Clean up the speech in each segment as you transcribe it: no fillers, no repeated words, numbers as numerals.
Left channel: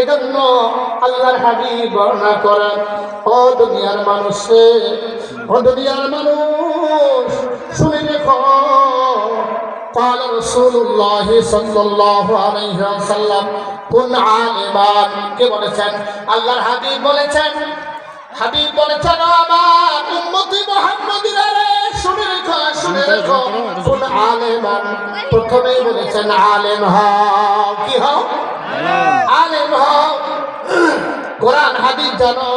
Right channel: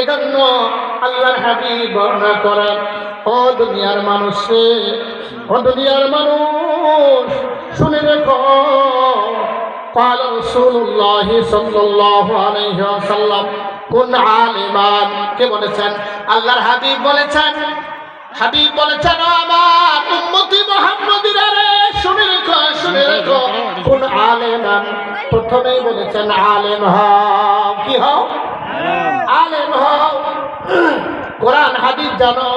এজন্য আল্লাহর হাবিব বর্ণনা করেন, ও দুনিয়ার মানুষ, ও দুনিয়ার মানুষ শুনে রেখো, قال رسول الله صلى الله عليه وسلم কুন আলিমান। কে বলেছেন? আল্লাহর হাবিব বলেছেন। হাবিব বলেছেন, আমার উম্মতি মুহাম্মাদীরা শুনে রেখো, শুনে রেখো, কুন আলিমান। প্রথমেই বলেছেন আলেম হও। কি হও? আলেম হও। কোরআন হাদিস জানো,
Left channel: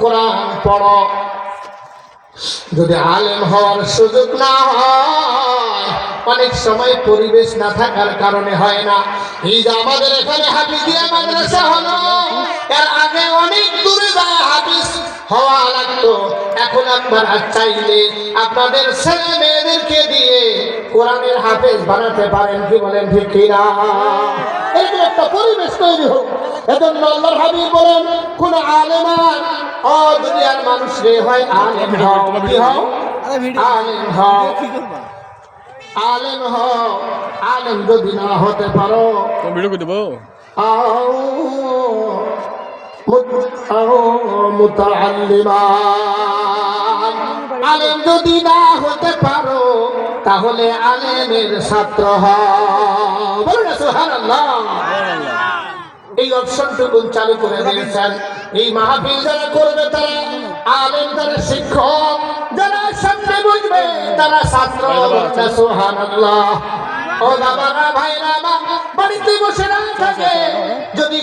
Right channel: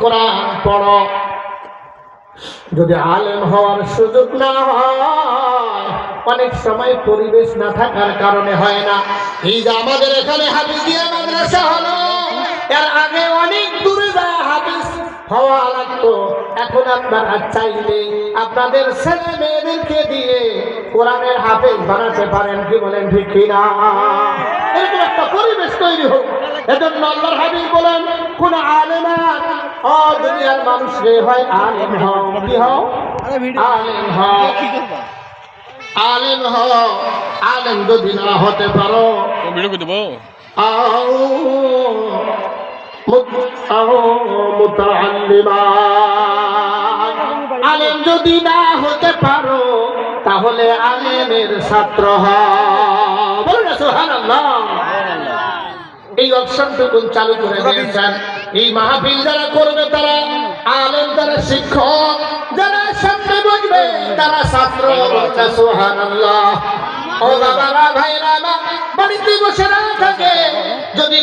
কোরআন পড়ো। যদি আলেম হওয়ার সুযোগ না হয়, অনেক সময় পরিবেশ না থাকার কারণে হয় না। এই যে আমাদের এখানে হাফিজিয়া মাদ্রাসা হলো, এর আগে অনেক দূরে যায় হাফিজ হওয়া লাগতো। এখন আপনারা চাইলে আপনাদের ছেলে মেয়েদেরকে দিয়ে কোরআনের হাফেজ বানাতে পারেন। কি বলেন ঠিক কিনা? এরকম একটা পরিবেশ তৈরি হোক। এজন্য আল্লাহর হাবিব বলেন, কোন আলেমান, ও দুনিয়ার মানুষ রে, হয় আলেম হও। কি হও? আলেম হও। আলেম হও। আলেম যদি না হতে পারো, আলেম যদি না হতে পারো, তাহলে আলেমের ছাত্র হও। বলুন না সুবহানাল্লাহ। এই অপশনটুকু চালু করে দিয়েছেন। এই মাহফিল যারা করবে তারা আলেম, তারা শিক্ষক, যারা সামনে বসবে তারা ছাত্র। সুবহানাল্লাহ। ও বাবারা, ভাইরা, বাড়িতে বসে না থাকে যদি